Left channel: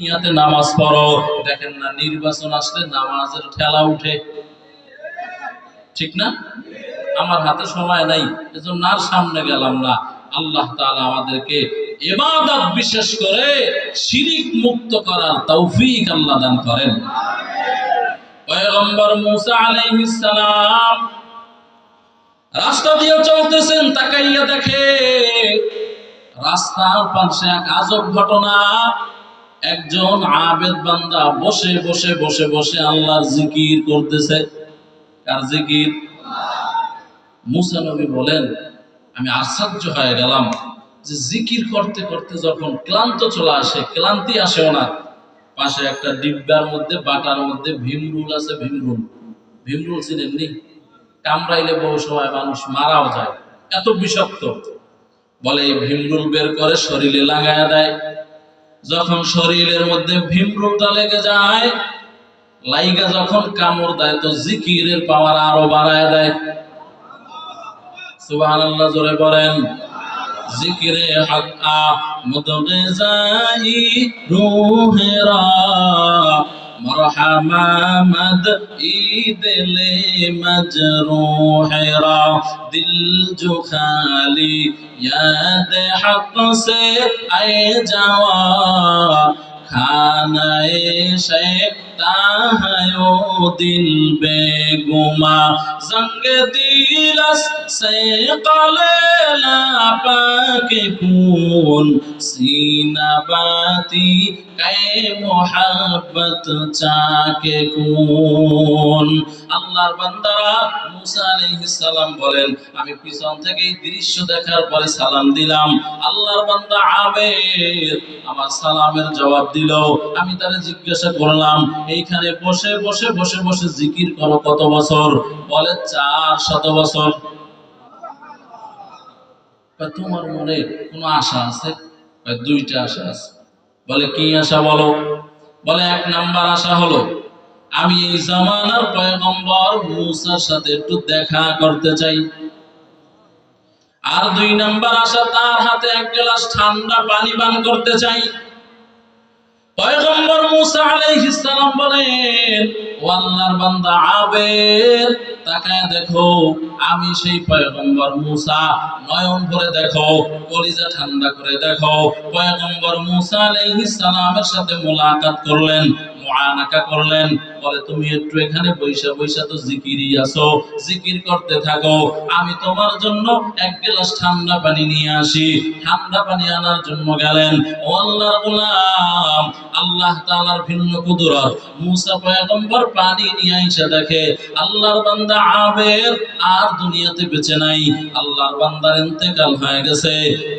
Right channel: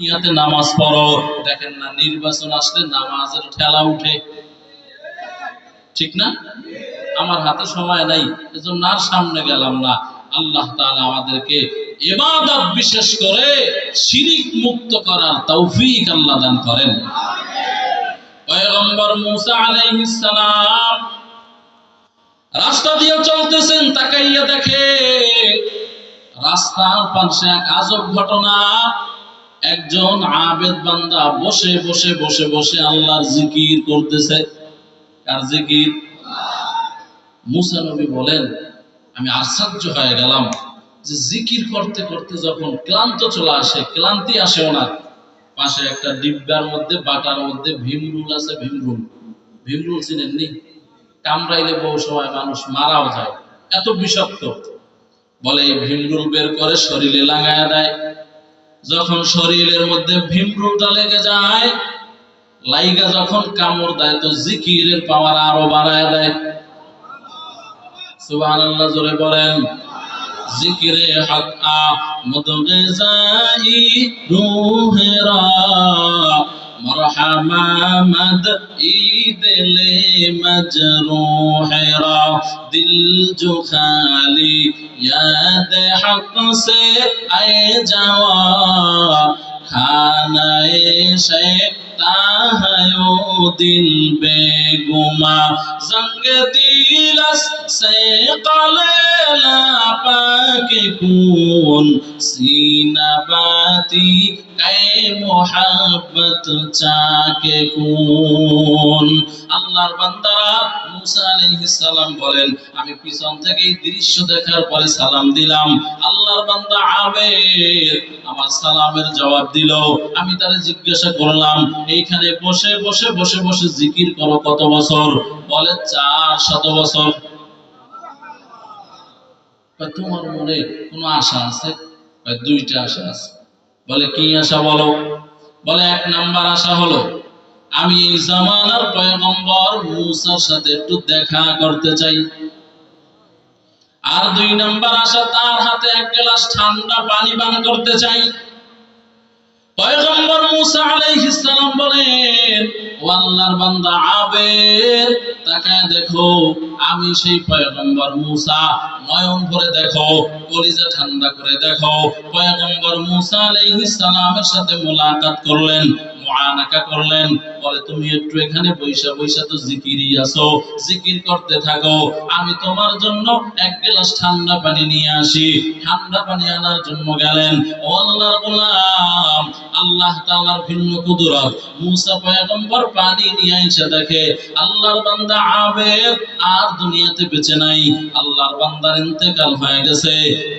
ইয়াতে নামাজ পড়ো, দেখেন না নির্বাচন আসলে নামাজের ঠেলা উঠে, ঠিক না? আমার হাতে সময় নাই, এজন্য আর সামনে গেলাম না। আল্লাহ তাআলা আমাদেরকে ইবাদত বিশেষ করে শিরিক মুক্ত করার তৌফিক আল্লাহ দান করেন। পয়গম্বর মূসা আলাইহিস সালাম রাস্তা দিয়ে চলতেছেন, তাকাইয়া দেখে রাস্তার পাশে এক আজব ঘটনা। একজন আবেদ বান্দা বসে বসে বসে বসে আল্লাহর জিকির করতেছে। কার জিকির? মূসা নবী বলেন, আমি আশ্চর্য হয়ে গেলাম যে জিকির করতে করতে যখন ক্লান্ত চলে আসে, ক্লান্তি আসে ওনার, পাশে একটা ডিব্বার মধ্যে বাটার মধ্যে ভীমরুল আছে। ভীমরুল, ভীমরুল চিনেননি? কামড়াইলে বহু সময় মানুষ মারাও যায়, এত বিষাক্ত। বলে এই ভীমরুল বের করে শরীরে লাগায়া দেয়। যখন শরীরের মধ্যে ভীমরুলটা লেগে যায়, লাইগা যখন কামড় দেয় তো জিকিরের পাওয়ার আরো বাড়ায় দেয়। সুবহানাল্লাহ, জোরে বলেন। জিকিরে হক আমদ গিজাই রূহেরা মরহামা মদ ঈদলে মজরূহেরা দিল জো খালি याद हक से आए जावा खानाए शैता है ओ दिल बेगुमा जंग दिलस से कलेला पाके कून सीना बाती कै मोहब्बत चाके कून। আল্লাহর বান্দারা মূসা আলাইহিস সালাম বলেন, আমি পিছন থেকে এই দৃশ্য দেখার পরে সালাম দিলাম। আল্লাহর বান্দা আবেদ আমার সালামের জবাব দিল। আমি তারে জিজ্ঞাসা করলাম, এইখানে বসে বসে বসে বসে জিকির করো কত বছর? বলে 400 বছর। তোমার মনে কোনো আশা আছে? দুইটা আশা আছে। বলে কি আশা বলো? বলে 1 নাম্বার আশা হলো আমি এই জামানার পয়গম্বর মূসার সাথে একটু দেখা করতে চাই। আর 2 নাম্বার আশা, তার হাতে 1 গ্লাস ঠান্ডা পানি পান করতে চাই। পয়গম্বর মূসা আলাইহিস সালাম বলেন, ও আল্লাহর বান্দা আবেদ, তাকায় দেখো আমি সেই পয়গম্বর মূসা। নয়ন ভরে দেখো, কলিজা ঠান্ডা করে দেখো। পয়গম্বর মূসা আলাইহিস সালামের সাথে মুলাকাত করলেন, মুআনাকা করলেন। বলে তুমি একটু এখানে বইসা বইসা তো জিকিরই আছো, জিকির করতে থাকো। আমি তোমার জন্য 1 গ্লাস ঠান্ডা পানি নিয়ে আসি। ঠান্ডা পানি আনার জন্য গেলেন। ও আল্লাহর গোলাম, আল্লাহ তাআলার ভিন্ন কুদরত। মূসা পয়গম্বর পানি নিয়ে আইসা দেখে আল্লাহর বান্দা আবেদ আর দুনিয়াতে বেঁচে নাই। আল্লাহর বান্দার ইন্তেকাল হয়ে গেছে।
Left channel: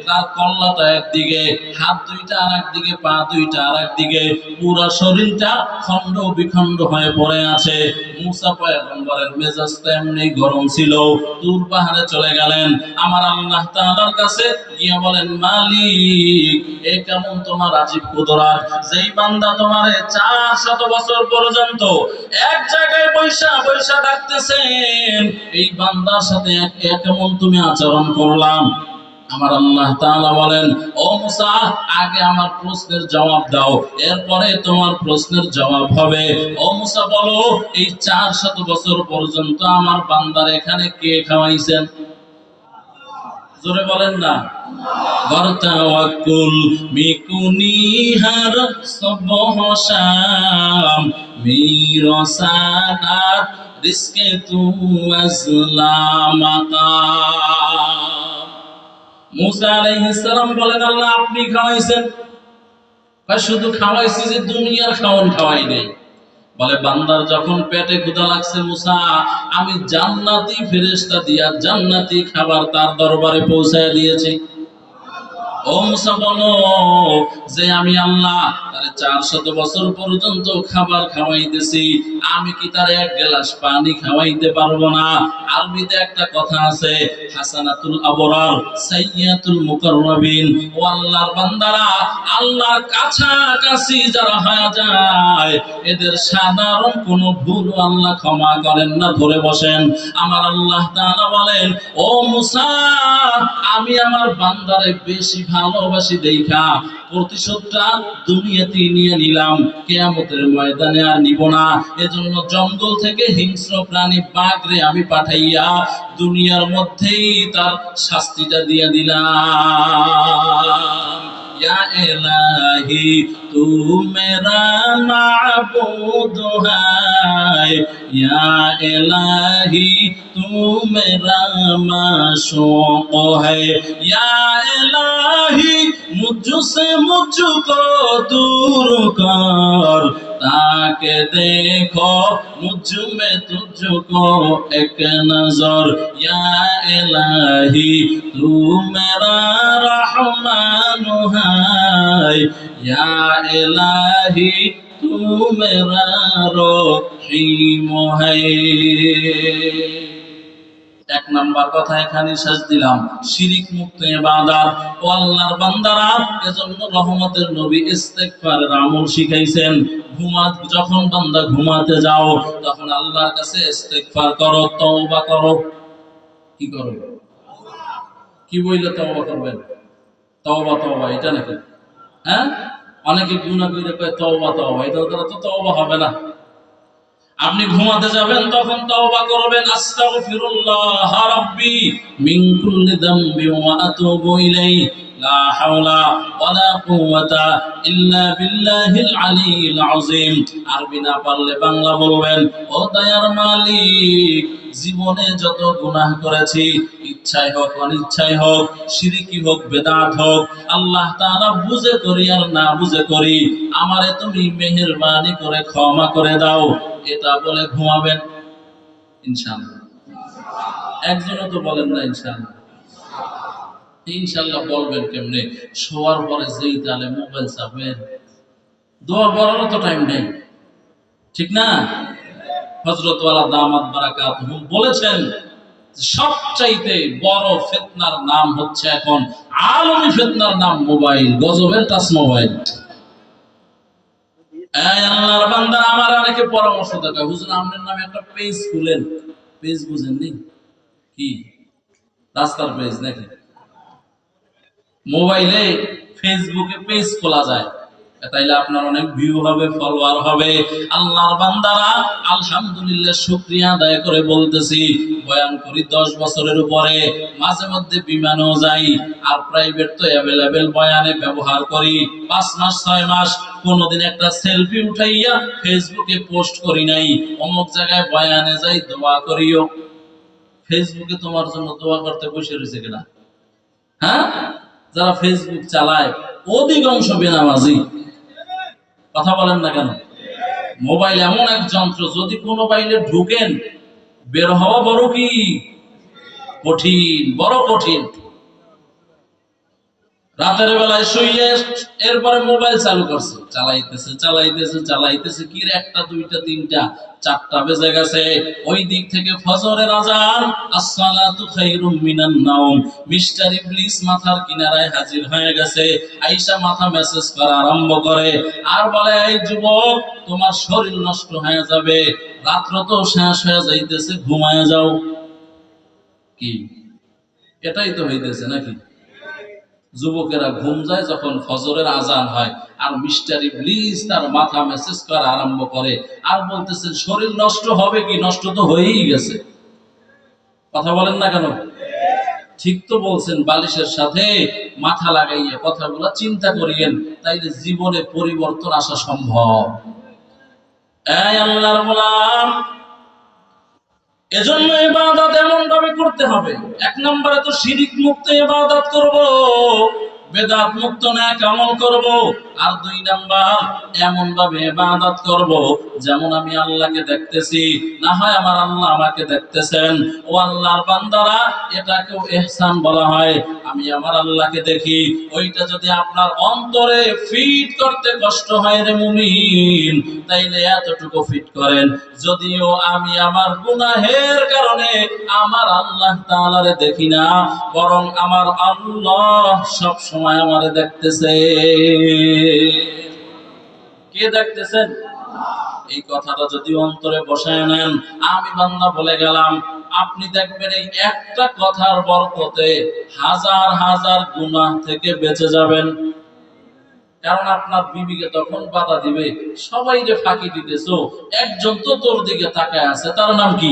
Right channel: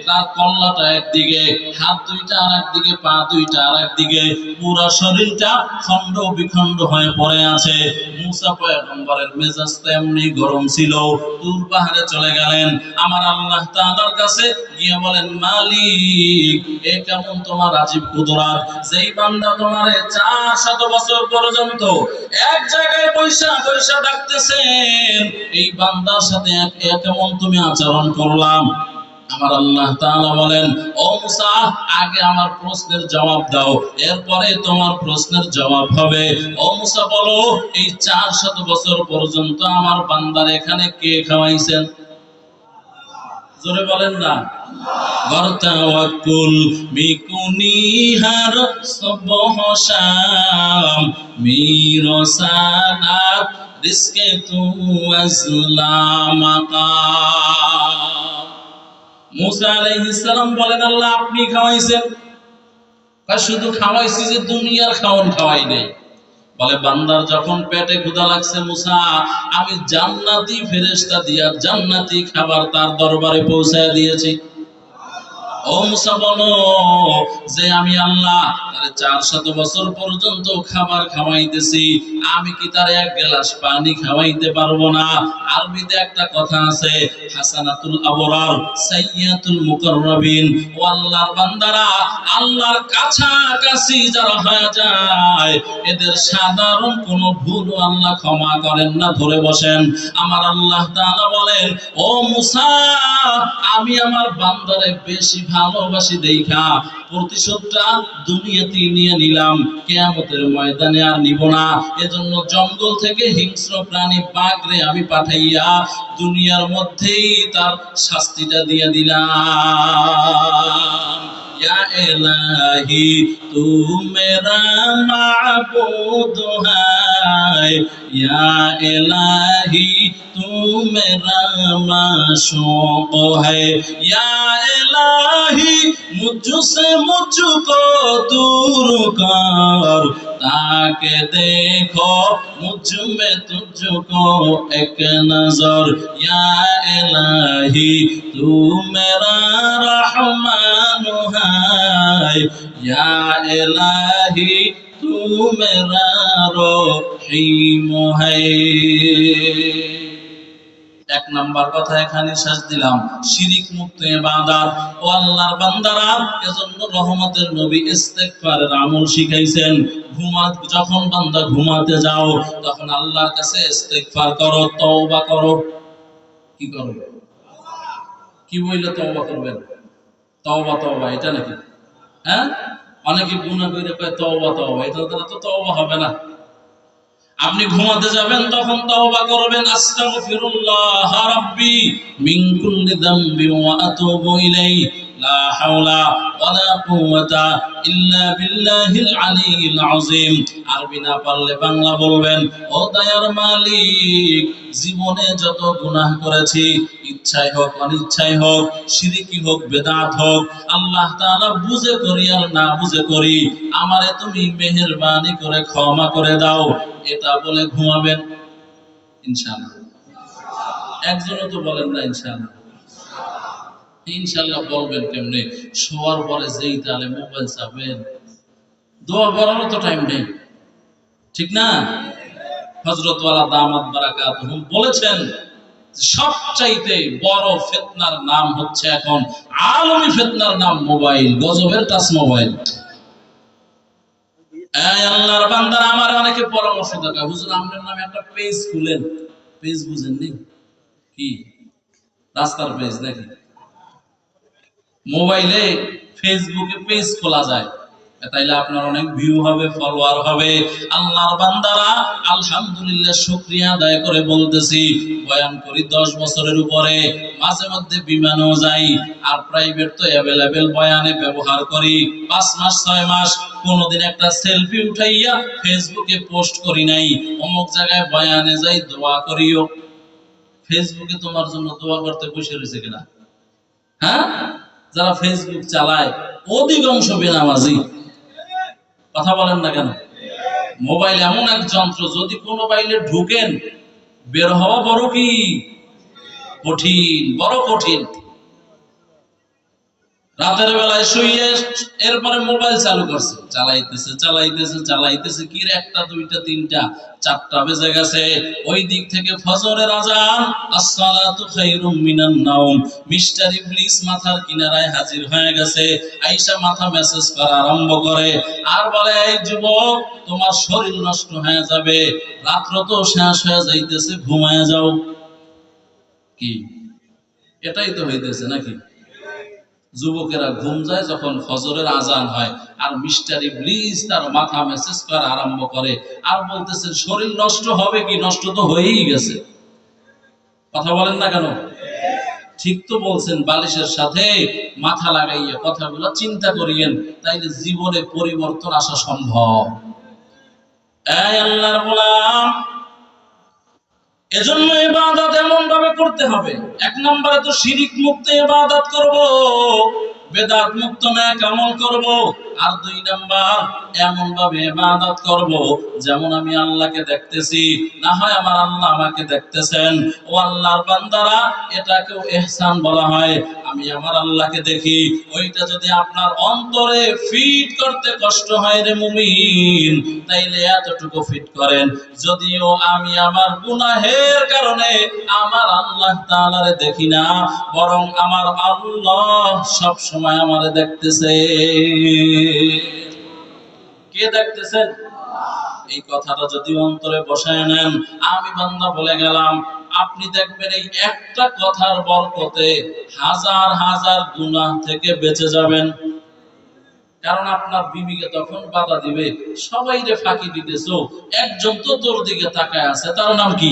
তার কল্লাটা একদিকে, হাত দুইটা আর একদিকে, পা দুইটা আর একদিকে, পুরো শরীরটা খণ্ড বিখণ্ড হয়ে পড়ে আছে। মূসা পয়গম্বরের মেজাজটা এমনি গরম ছিল, তুর পাহাড়ে চলে গেলেন। আমার আল্লাহ তাআলার কাছে গিয়ে বলেন, মালিক, এ কেমন তোমার আজীব কুদরত, যেই বান্দা তোমারে 400 বছর পর্যন্ত এক জায়গায় বৈশা বৈশা ডাকতেছেন, এই বান্দার সাথে কেমন তুমি আচরণ করলাম। আমার আল্লাহ তাআলা বলেন, ও মূসা, আগে আমার প্রশ্নের জবাব দাও, এরপরে তোমার প্রশ্নের জবাব হবে। ও মূসা বলো, এই 400 বছর পর্যন্ত আমার বান্দার এখানে কে খাওয়াইছেন? জোরে বলেন না। বরতাওয়াক্কুল মিকুনি হার সবহ শাম মিরসাদাত রিজকে তু আজলামাকা। মূসা আলাইহিস সালাম বলেন, আল্লাহ আপনি খাওয়াইছেন। শুধু খাওয়াইছি যে দুনিয়ার খাওয়ান খাওয়াই নাই। বলে বান্দার যখন পেটে ক্ষুধা লাগছে মূসা, আমি জান্নাতি ফেরেশতা দিয়া জান্নাতি খাবার তার দরবারে পৌঁছায় দিয়েছি। ও মূসা বলো যে আমি আল্লাহ তারে 400 বছর পর্যন্ত খাবার খাওয়াইতেছি, আমি কি তার 1 গ্লাস পানি খাওয়াইতে পারবো না? আরবিতে একটা কথা আছে, হাসানাতুল আবরার সাইয়্যাতুল মুকাররাবিন। ও আল্লাহর বান্দারা, আল্লাহর কাছাকাছি যারা হয়ে যায়, এদের সাধারণ কোনো ভুল আল্লাহ ক্ষমা করেন না। ধরে বসেন। আমার আল্লাহ তাআলা বলেন, ও মূসা, আমি আমার বান্দারে বেশি ভালোবাসি দেখা প্রতিশোধটা দুনিয়াতেই নিয়ে নিলাম, কিয়ামতের ময়দানে আর নিব না। এজন্য জঙ্গল থেকে হিংস্র প্রাণী বাঘরে আমি পাঠাইয়া দুনিয়ার মধ্যেই তার শাস্তিটা দিয়ে দিলাম। या इलाही तू मेरा माबूद है, या इलाही तू मेरा माशूक है, या इलाही मुझसे मुझको दूर कर ताकि देखो मुझ में तुझको एक नजर, या इलाही तू मेरा रहमान है, या इलाही तू मेरा रहीम है। এক নাম্বার কথা এখানে শেষ দিলাম, শিরিক মুক্ত ইবাদত। ও আল্লাহর বান্দারা, এজন্য রহমতের নবী ইস্তেগফারের আমল শিখাইছেন। যখন বান্দা ঘুমাতে যাও তখন আল্লাহর কাছে ইস্তেগফার করো, তওবা করো। কি করো? কি বইলে তওবা করবেন? তওবা তওবা এটা নাকি? হ্যাঁ, অনেকে গুনাহ করে কয় তওবা তওবা, এটা দ্বারা তো তওবা হবে না। আপনি ঘুমাতে যাবেন তখন তওবা করবেন, আস্তাগফিরুল্লাহ রাব্বি মিন কুল্লি যামবি ওয়া আতুবু ইলাইহি, লা হাওলা ওয়ালা কুওয়াতা ইল্লা বিল্লাহিল আলিয়্যিল আযীম। আরবি না পারলে বাংলা বলবেন, ও দয়ার মালিক, জীবনে যত গুনাহ করেছি, ইচ্ছায় হোক অনিচ্ছায় হোক, শিরকি হোক বেদাত হোক, আল্লাহ তাআলা বুঝে করি আর না বুঝে করি, আমারে তুমি মেহেরবানি করে ক্ষমা করে দাও। এটা বলে ঘুমাবেন ইনশাআল্লাহ। একজনও তো বলেন না ইনশাআল্লাহ। ইনশাআল্লাহ বলবেন কেমনে? শোয়ার পরে যেই তালে মোবাইল চাপেন, দোয়া বলারও তো টাইম নেই, ঠিক না? হযরত ওয়ালা দামাত বারাকাতুহুম বলেছেন, সবচাইতে বড় ফিতনার নাম হচ্ছে এখন আলমী ফিতনার নাম মোবাইল, গজবের টাচ মোবাইল। এই আল্লাহর বান্দা, আমার অনেকে পরামর্শ দেয়, হুজুর আপনার নামে একটা পেজ খুলেন। পেজ বুঝেননি কি? রাস্তার পেজ নাকি? মোবাইলে ফেসবুকে পেজ খোলা যায়, তাইলে আপনার অনেক ভিউ হবে, ফলোয়ার হবে। আল্লাহর বান্দারা, আলহামদুলিল্লাহ শুকরিয়া আদায় করে বলতেছি, বয়ান করি 10 বছরের উপরে, মাঝে মধ্যে বিমানেও যাই, আর প্রাইভেট তো অ্যাভেলেবেল বয়ানে ব্যবহার করি। 5 মাস 6 মাস কোনদিন একটা সেলফি উঠাইয়া ফেসবুকে পোস্ট করি নাই। অমুক জায়গায় বয়ানে যাই, দোয়া করিও। ফেসবুকে তোমার জন্য দোয়া করতে বসে রয়েছে কিনা? হ্যাঁ, যারা ফেসবুক চালায় অধিকাংশ বেনামাজি। কথা বলেন না কেন? মোবাইল এমন এক যন্ত্র, যদি কোনো মোবাইলে ঢুকেন, বের হওয়া বড় কি কঠিন, বড় কঠিন। রাতের বেলায় শুয়ে এরপরে মোবাইল চালু করছে, চালাইতেছে কি রে, 1টা 2টা 3টা 4টা বেজে গেছে। ওই দিক থেকে ফজরের আজান, আসসালাতু খায়রুম মিনান নাওম, মিস্টার ইবলিস মাথার কিনারায় হাজির হয়ে গেছে। আয়েশা মাথা মেসেজ করা আরম্ভ করে আর বলে, এই যুবক, তোমার শরীর নষ্ট হয়ে যাবে, রাত্র তো শেষ হয়ে যাইতেছে, ঘুমায় যাও। কি এটাই তো হইতেছে নাকি? যুবকেরা ঘুম যায় যখন ফজরের আজান হয়, আর মিস্টার ইবলিস তার মাথা মেসেজ করা আরম্ভ করে আর বলতেছে, শরীর নষ্ট হবে কি? নষ্ট তো হয়েই গেছে। কথা বলেন না কেন? ঠিক তো বলছেন, বালিশের সাথে মাথা লাগাইয়ে কথাগুলো চিন্তা করিয়েন, তাইলে জীবনে পরিবর্তন আসা সম্ভব। এই আল্লাহর গোলাম, এজন্য ইবাদত এমন ভাবে করতে হবে। 1 নম্বরে তো শিরিক মুক্ত ইবাদত করব, বেদাত মুক্ত নেক আমল করব। আর 2 নাম্বার, এমন ভাবে ইবাদত করব যেমন আমি আল্লাহকে দেখতেছি, না হয় আমার আল্লাহ আমাকে দেখতেছেন। ও আল্লাহর বান্দারা, এটাকেও ইহসান বলা হয়। আমি আমার আল্লাহকে দেখি, ওইটা যদি আপনার অন্তরে ফিট করতে কষ্ট হয় রে মুমিন, তাইলে এতটুকু ফিট করেন, যদিও আমি আমার গুনাহের কারণে আমার আল্লাহ তাআলারে দেখি না, বরং আমার আল্লাহ সব সময় আমারে দেখতেছে। কে দেখতেছেন? এই কথাটা যদি অন্তরে বসায় নেন, আমি বান্দা বলে গেলাম, আপনি দেখবেন এই একটা কথার বরকতে হাজার হাজার গুনাহ থেকে বেঁচে যাবেন। কারণ আপনার বিবিকে তখন বাধা দিবে, সবাই রে ফাঁকি দিতেছো, একজন তো তোর দিকে তাকায় আছে, তার নাম কি?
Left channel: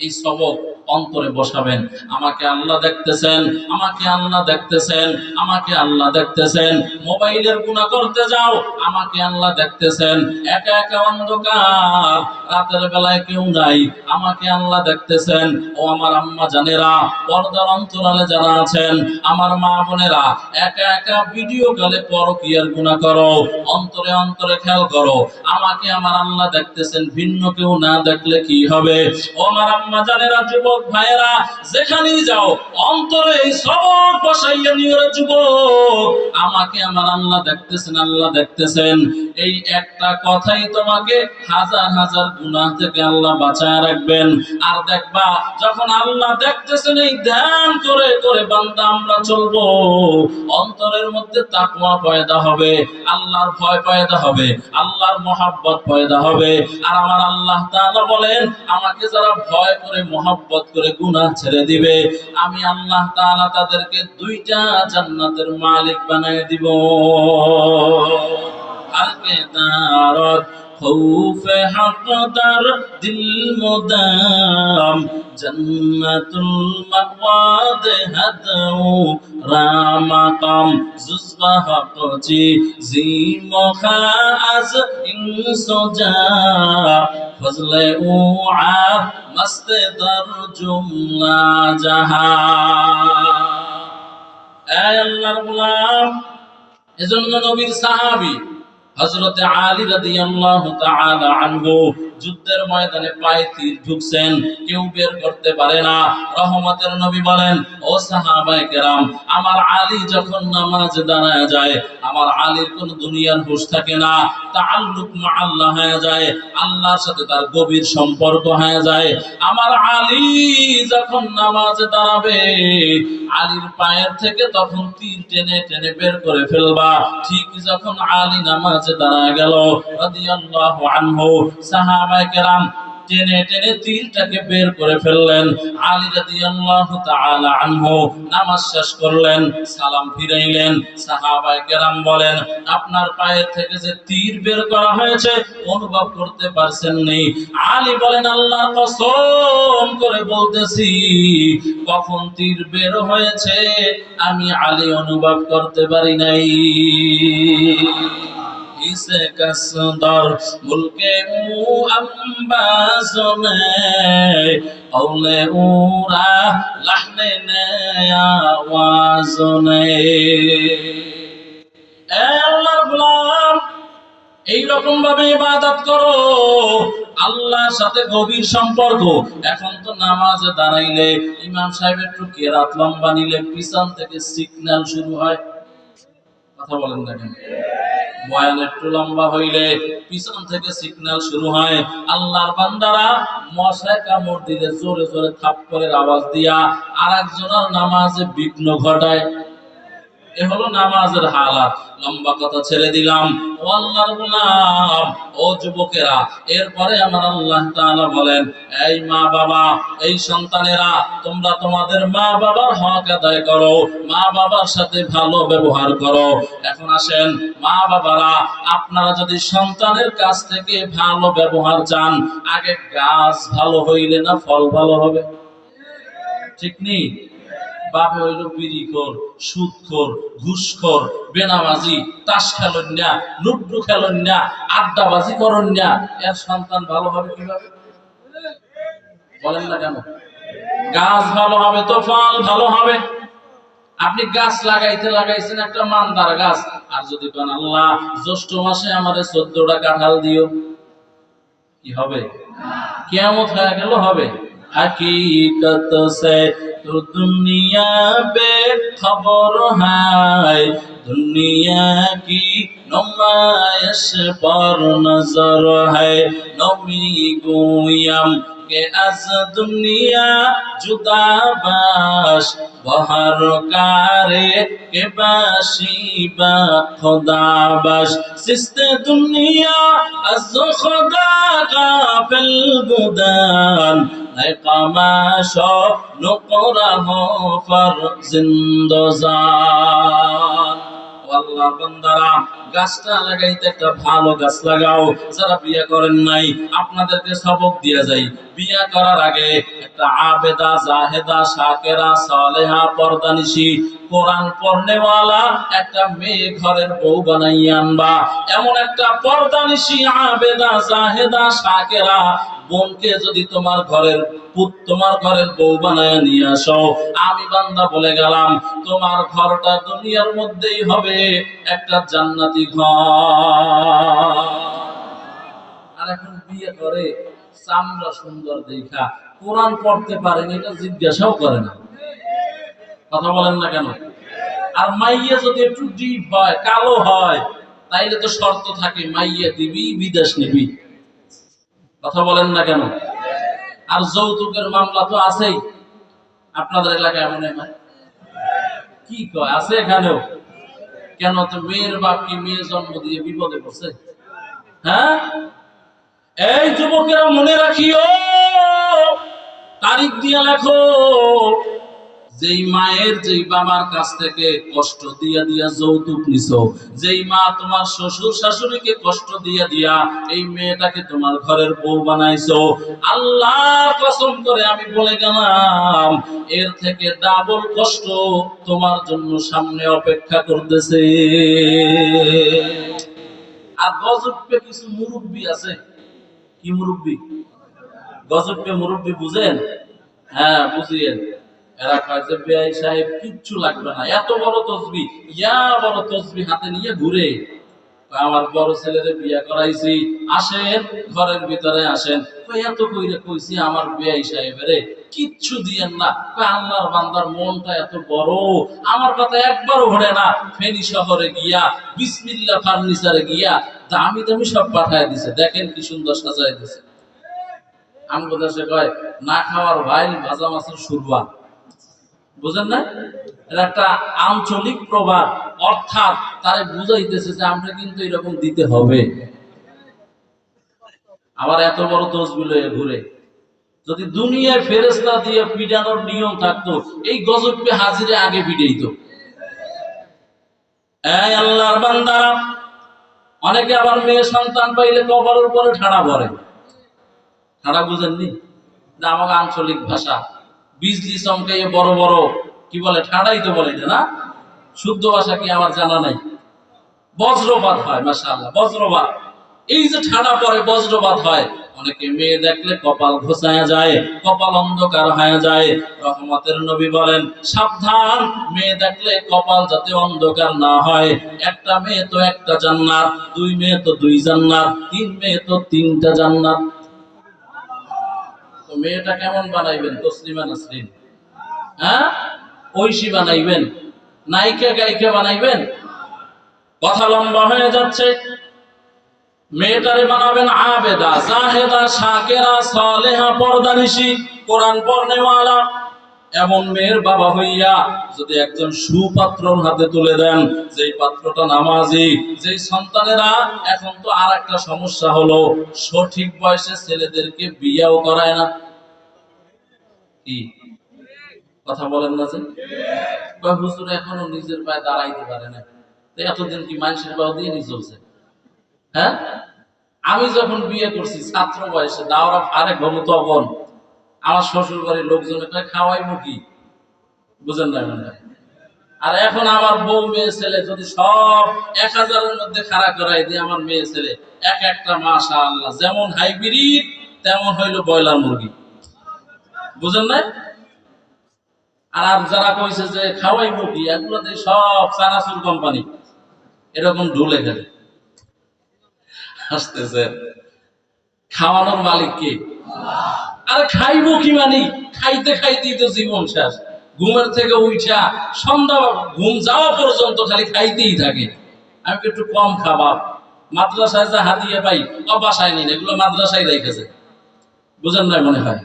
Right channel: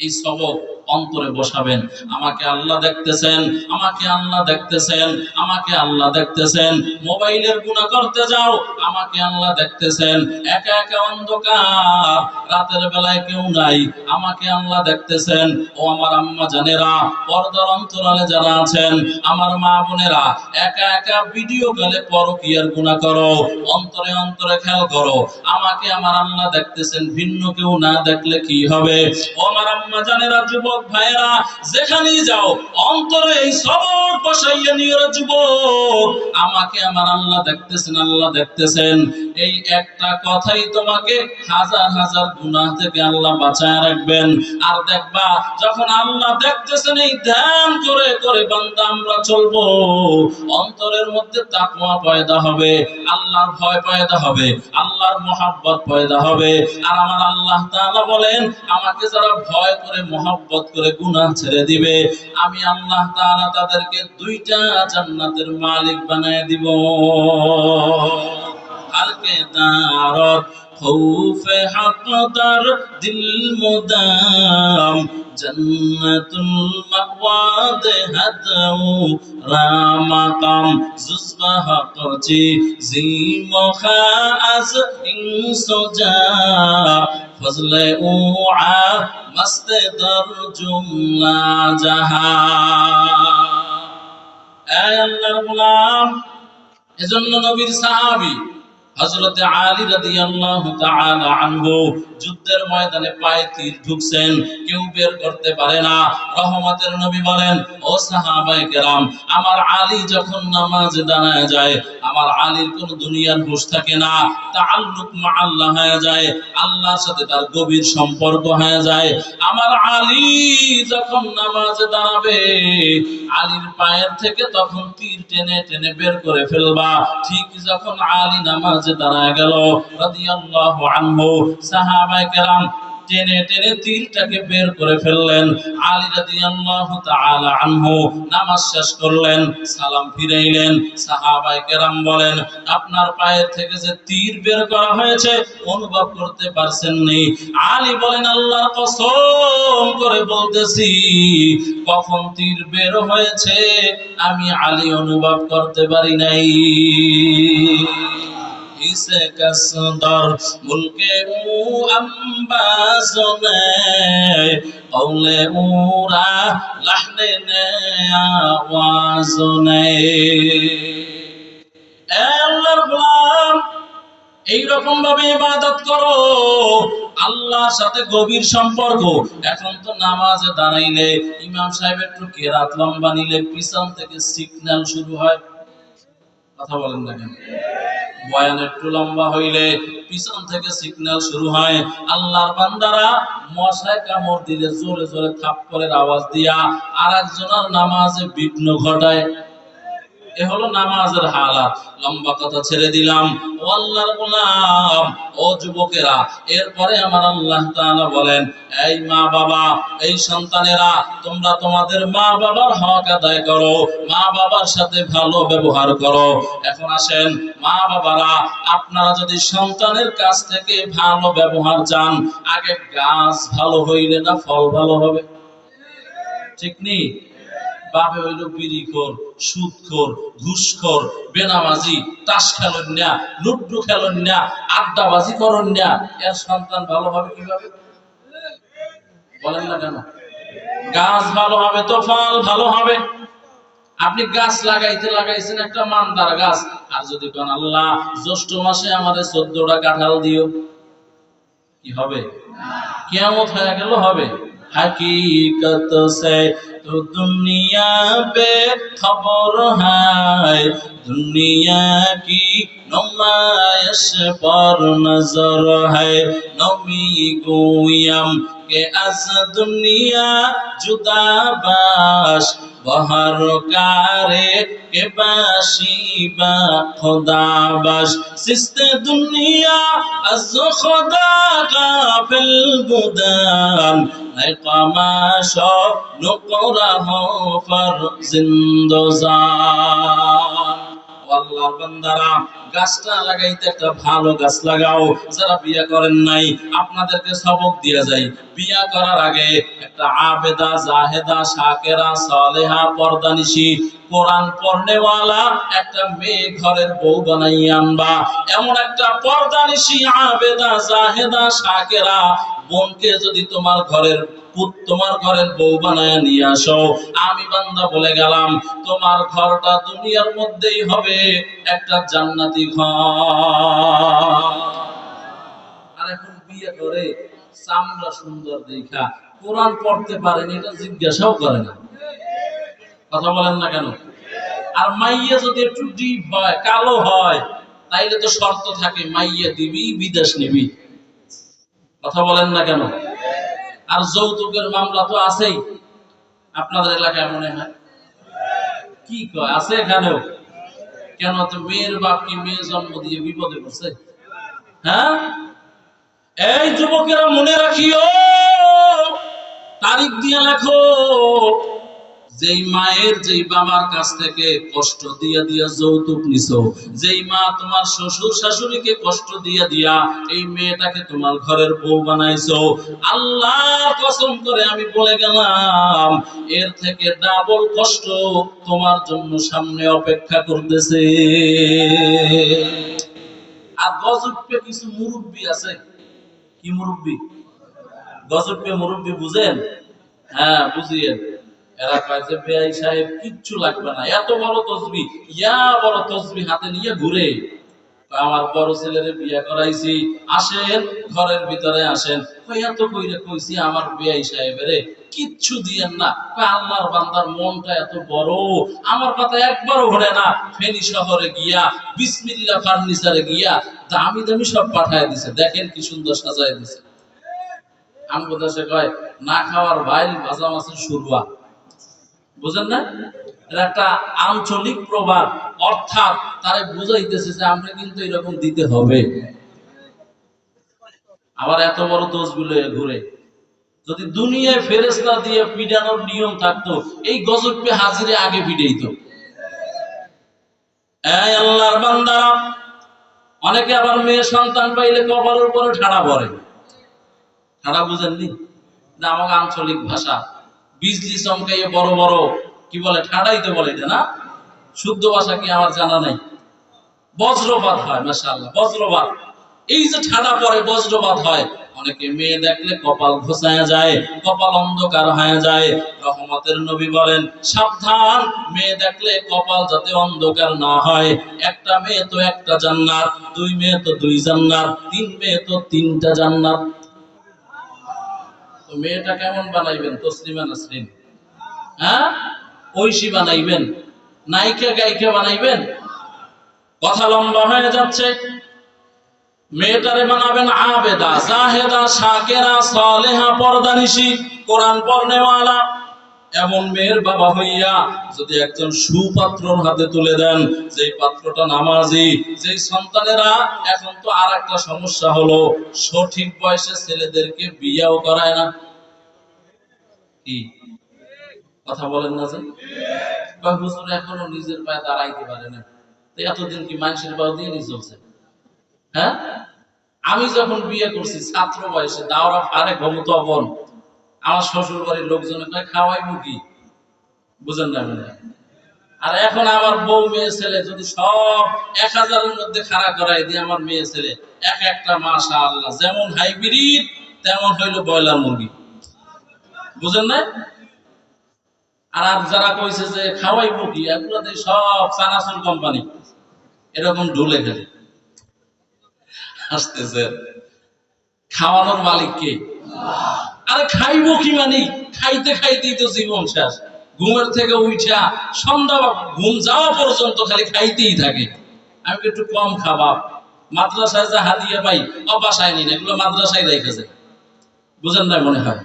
এই সবক অন্তরে বসাবেন। আমাকে আল্লাহ দেখতেছেন, আমাকে আল্লাহ দেখতেছেন, আমাকে আল্লাহ দেখতেছেন। মোবাইলের গুনাহ করতে যাও, আমাকে আল্লাহ দেখতেছেন। একা একা অন্ধকার, রাতের বেলায় কেউ নাই, আমাকে আল্লাহ দেখতেছেন। ও আমার আম্মা জানেরা, পর্দার অন্তরালে যারা আছেন, আমার মা বোনেরা, একা একা ভিডিও কলে পরকীয়ার গুনাহ করো, অন্তরে অন্তরে খেয়াল করো, আমাকে আমার আল্লাহ দেখতেছেন। ভিন্ন কেউ না দেখলে কি হবে? ও আমার আম্মা জানেরা, যুবক ভাইয়েরা, যেখানেই যাও অন্তরে এই সবক বসাইয়া নিয়ে যুবক, আমাকে আমার আল্লাহ দেখতেছেন, আল্লাহ দেখতেছেন। এই একটা কথাই তোমাকে হাজার হাজার গুনাহ থেকে আল্লাহ বাঁচায় রাখবেন। আর দেখবা যখন আল্লাহ দেখতেছেন, এই ধ্যান করে করে বান্দা আমরা চলবো, অন্তরের মধ্যে তাকওয়া পয়দা হবে, আল্লাহর ভয় পয়দা হবে, আল্লাহর মহব্বত পয়দা হবে। আর আমার আল্লাহ তাআলা বলেন, আমাকে যারা ভয় করে মহব্বত করে গুনাহ ছেড়ে দিবে, আমি আল্লাহ তাআলা তাদেরকে দুইটা জান্নাতের মালিক বানায় দিব। আলকে দারত খৌফ হক দার দিল মুদাম জন্নাতুল মাওয়াদ হাদউ রামাকাম জুজবা হকজি জি মখা আজ ইনসোজা ফজলে ও আ মস্ত দর জুমলা জাহা। এই আল্লাহর গোলাম, এজন্য নবীর সাহাবী হযরতে আলী রাদিয়াল্লাহু তাআলা আনহু যুদ্ধের ময়দানে পায়ে তীর ঢুকছেন, কেউ বের করতে পারে না। রহমতের নবী বলেন, ও সাহাবায়ে কেরাম, আমার আলী যখন নামাজে দাঁড়ায় যায়, আমার আলীর কোন দুনিয়ার হুঁশ থাকে না, তাআল্লুক মা আল্লাহ হয়ে যায়, আল্লাহর সাথে তার গভীর সম্পর্ক হয়ে যায়। আমার আলী যখন নামাজে দাঁড়াবে, আলীর পায়ের থেকে তখন তীর টেনে টেনে বের করে ফেলবা। ঠিক যখন আলী নামাজে দাঁড়ায় গেল রাদিয়াল্লাহু আনহু, সাহাবায়ে কেরাম টেনে টেনে তীরটাকে বের করে ফেললেন। আলী রাদিয়াল্লাহু তাআলা আনহু নামাজ শেষ করলেন, সালাম ফিরাইলেন। সাহাবায়ে কেরাম বলেন, আপনার পায়ের থেকে যে তীর বের করা হয়েছে অনুভব করতে পারছেন নি? আলী বলেন, আল্লাহর কসম করে বলতেছি, কখন তীর বের হয়েছে আমি আলী অনুভব করতে পারি নাই। इसे कसदर मुल्के ऊ अम्बाज़ने औले ऊरा लहने ने आवाज़ने। আল্লাহর গোলাম, এইরকম ভাবে ইবাদত করো, আল্লাহর সাথে গভীর সম্পর্ক। এখন তো নামাজে দাঁড়াইলে ইমাম সাহেব একটু কেরাত লম্বা নিলে পিছন থেকে সিগন্যাল শুরু হয়। কথা বলেন না কেন? বয়ান একটু লম্বা হইলে পিছন থেকে সিগন্যাল শুরু হয়। আল্লাহর বান্দারা মশায় কামড় দিলে জোরে জোরে থাপ্পড়ের আওয়াজ দিয়া আরেকজনের নামাজে বিঘ্ন ঘটায়। এ হলো নামাজের হালাত। লম্বা কথা ছেড়ে দিলাম। ও আল্লাহর গোলাম, ও যুবকেরা, এরপরে আমার আল্লাহ তাআলা বলেন, এই মা বাবা, এই সন্তানেরা, তোমরা তোমাদের মা বাবার হক আদায় করো, মা বাবার সাথে ভালো ব্যবহার করো। এখন আসেন মা বাবারা, আপনারা যদি সন্তানের কাছ থেকে ভালো ব্যবহার চান, আগে গাছ ভালো হইলে না ফল ভালো হবে? ঠিক নেই? বাপে হইল বিড়িখোর, সুদখোর, ঘুষখোর, বেনামাজি, তাস খেলেন না, লুড্ডু খেলেন না, আড্ডাবাজি করেন না, এর সন্তান ভালো হবে কিভাবে? বলেন না কেন? গাছ ভালো হবে তো ফল ভালো হবে। আপনি গাছ লাগাইছেন একটা মানদার গাছ, আর যদি কোন আল্লাহ জ্যৈষ্ঠ মাসে আমাদের 14টা কাঁঠাল দিও, কি হবে? কিয়ামত হয়ে গেল হবে। हकीकत से तो दुनिया बेखबर है, दुनिया की नुमाइश पर नजर है। नबी गोयम के अज दुनिया जुदा बाश بہر کارے کے باشیبا خدا باش سست دنیا از خدا غافل بودن ای قماشا نقره فر زندزان আল্লাহর বান্দারা গাছটা লাগাইতে একটা ভালো গাছ লাগাও যারা বিয়ে করেন নাই আপনাদেরকে সবক দিয়ে যাই বিয়ে করার আগে একটা আবেদা জাহেদা শাকেরা সালেহা পর্দানিশী কোরআন পড়নেওয়ালা একটা মেয়ে ঘরের বউ বানাইয়া আনবা এমন একটা পর্দানিশী আবেদা জাহেদা শাকেরা বোনকে যদি তোমার ঘরের তোমার ঘরের বউ বানায় নিয়ে আসো আমি বান্দা বলে গেলাম তোমার ঘরটা দুনিয়ার মধ্যেই হবে একটা জান্নাতি ঘর। আর এখন বিয়ে করে চামড়া সুন্দর দেখা কোরআন পড়তে পারেন এটা জিজ্ঞাসাও করে না, কথা বলেন না কেন? আর মাইয়ে যদি একটু ডিপ হয় কালো হয় তাইলে তো শর্ত থাকে মাইয়ে দিবি বিদেশ নিবি, কথা বলেন না কেন? আর যৌতুকের মামলা তো আছেই আপনাদের এলাকায় মনে হয়, কি কয় আছে এখানেও? কেন তো মেয়ের বাপ কি মেয়ে জন্ম দিয়ে বিপদে পড়ছে? হ্যাঁ, এই যুবকেরা মনে রাখিও, তারিখ দিয়ে লেখো, যেই মায়ের যেই বাবার কাছ থেকে কষ্ট দিয়া দিয়া যৌতুক নিছো, যেই মা তোমার শ্বশুর শাশুড়িকে কষ্ট দিয়া দিয়া এই মেয়েটাকে তোমার ঘরের বউ বানাইছো, আল্লাহর কসম করে আমি বলে গেলাম এর থেকে ডাবল কষ্ট তোমার জন্য সামনে অপেক্ষা করতেছে। আর গজবকে কিছু মুরব্বি আছে, কি মুরব্বি? গজবকে মুরব্বি বুঝেন? হ্যাঁ বুঝিয়েন। এরা কয় যে বেয়াই সাহেব কিচ্ছু লাগবে না, এত বড় তসবি, ইয়া বড় তসবি হাতে নিয়ে ঘুরে। আমার বড় ছেলেরে বিয়ে করাইছি, আসেন ঘরের ভিতরে আসেন। এত কইরে কইছি আমার বেয়াই সাহেবের কিচ্ছু দিয়েন না। আল্লাহর বান্দার মনটা এত বড়, আমার কথা একবারও ভরে না। ফেনী শহরে গিয়া বিসমিল্লাহ ফার্নিচারে গিয়া দামি দামি সব পাঠায় দিছে, দেখেন কি সুন্দর সাজায় দিছে। আমগো দেশে কয় না খাওয়ার ভাই ভাজা মাছের সুরবা, বুঝেন না? এটা একটা আঞ্চলিক প্রবাদ, অর্থাৎ তারে বুঝাইতেছে যে আমরা কিন্তু এরকম দিতে হবে। আবার এত বড় দোষগুলো ঘুরে, যদি দুনিয়ায় ফেরেশতা দিয়ে পিটানোর নিয়ম থাকতো এই গজবকে হাজিরে আগে পিটাইতো। এই আল্লাহর বান্দারা, অনেকে আবার মেয়ে সন্তান পাইলে কপালের উপরে ঠাড়া পড়ে। ঠাড়া বুঝেননি? আমাকে আঞ্চলিক ভাষা বিজলি চমকাইয়ে বড় বড় কি বলে ঠাড়াই তো বলে না, শুদ্ধ ভাষা কি আমার জানা নাই। বজ্রপাত হয়, মাশাআল্লাহ বজ্রপাত। এই যে ঠাড়া পরে বজ্রপাত হয়, অনেকে মেয়ে দেখলে কপাল ঘোচায়া যায়, কপাল অন্ধকার হয়ে যায়। রহমতের নবী বলেন সাবধান, মেয়ে দেখলে কপাল যাতে অন্ধকার না হয়। একটা মেয়ে তো একটা জান্নাত, দুই মেয়ে তো দুই জান্নাত, তিন মেয়ে তো তিনটা জান্নাত। তো মেয়েটা কেমন বানাইবেন? তসলিমা নাসরিন, হ্যাঁ ঐশী বানাইবেন, নায়িকা গায়িকা বানাইবেন? কথা লম্বা হয়ে যাচ্ছে। মেয়েটারে বানাবেন আবেদা জাহেদা শাকেরা সালেহা পর্দানিশী কোরআন পড়নেওয়ালা। এমন মেয়ের বাবা হইয়া যদি একজন সুপাত্রর হাতে তুলে দেন, যেই পাত্রটা নামাজি, যেই সন্তানেরা এখন তো আর একটা সমস্যা হলো সঠিক বয়সে ছেলেদেরকে বিয়েও করায় না। কি কথা বলেন না যে? হুজুর এখনো নিজের পায়ে দাঁড়াইতে পারে না, এতদিন কি মানুষের পাও দিয়ে নিয়ে চলছে? হ্যাঁ, আমি যখন বিয়ে করছি ছাত্র বয়সে দাওরা ফারে ঘবু, তখন আমার শ্বশুর বাড়ির লোকজনে কয় খাওয়াইবো কি, বুঝেন না? আর এখন আমার বউ মেয়ে ছেলে যদি সব 1000-এর মধ্যে খাড়া করাই দিয়ে আমার মেয়ে ছেলে এক একটা মাশাআল্লাহ যেমন হাইব্রিড তেমন হইলো ব্রয়লার মুরগি, বুঝেন না? আর যারা কইছে যে খাওয়াইবো কি, এগুলোতে সব চানাচুর কোম্পানি এরকম ঢুলে গেলে আসতেছে। খাওয়ানোর মালিক কে? আরে খাইবো কি মানে খাইতে খাইতেই তো জীবন শেষ। ঘুমের থেকে উঠা সন্ধ্যা ঘুম যাওয়া পর্যন্ত খালি খাইতেই থাকে। আমি একটু কম খাবার, মাদ্রাসায় যা হাদিয়ে পাই বাসায় নিন, এগুলো মাদ্রাসায় রেখেছে, বুঝেন না মনে হয়?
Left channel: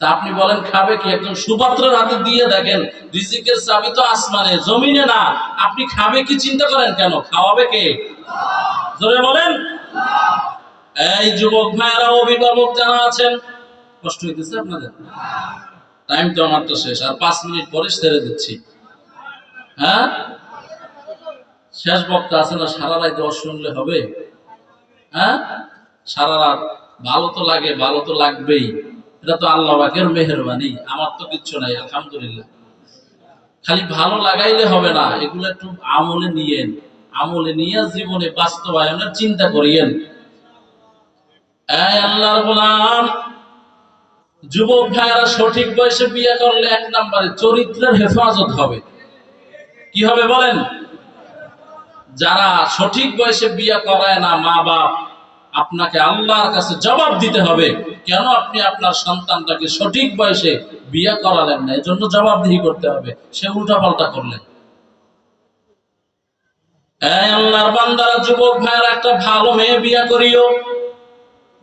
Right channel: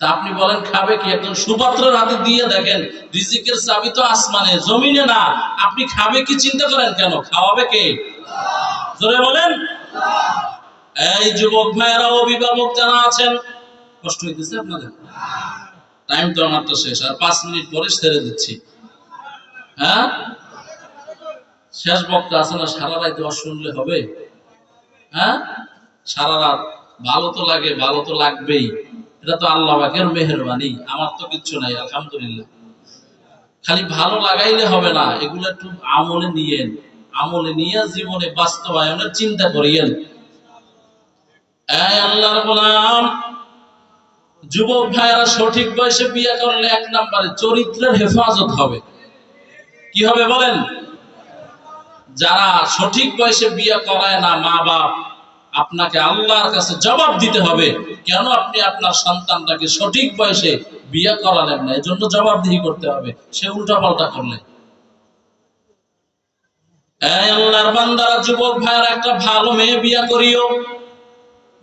তা আপনি বলেন খাবে কি? একজন সুপাত্রের হাতে দিয়ে দেখেন, রিজিকের চাবি তো আসমানে, জমিনে না। আপনি খাবে কি চিন্তা করেন কেন? খাওয়াবে কে? জোরে বলেন। এই যুবক ভাইয়েরা, অভিভাবক যারা আছেন, কষ্ট হইতেছে আপনাদের? টাইম তো আমার তো শেষ, আর 5 মিনিট পরে ছেড়ে দিচ্ছি। হ্যাঁ, শেষ বক্তা আছে না, সারা রাত দোয়া শুনলে হবে? হ্যাঁ, সারা রাত ভালো তো লাগে, ভালো তো লাগবেই। এটা তো আল্লাহ পাকের মেহেরবানি, আমার তো কিচ্ছু নাই, আলহামদুলিল্লাহ। খালি ভালো লাগাইলে হবে না, এগুলো একটু আমলে নিয়েন, আমলে নিয়ে জীবনে বাস্তবায়নের চিন্তা করিয়েন। এই আল্লাহর গোলাম, যুবক ভাইয়েরা, সঠিক বয়সে বিয়ে করলে 1 নম্বরে চরিত্রের হেফাজত হবে। কি হবে বলেন? যারা সঠিক বয়সে বিয়ে করায় না, মা বাপ, আপনাকে আল্লাহর কাছে জবাব দিতে হবে, কেন আপনি আপনার সন্তানটাকে সঠিক বয়সে বিয়ে করালেন না। এজন্য জবাবদিহি করতে হবে, সে উল্টা পাল্টা করলে। এই আল্লাহর বান্দারা, যুবক ভাইয়েরা, একটা ভালো মেয়ে বিয়ে করিও।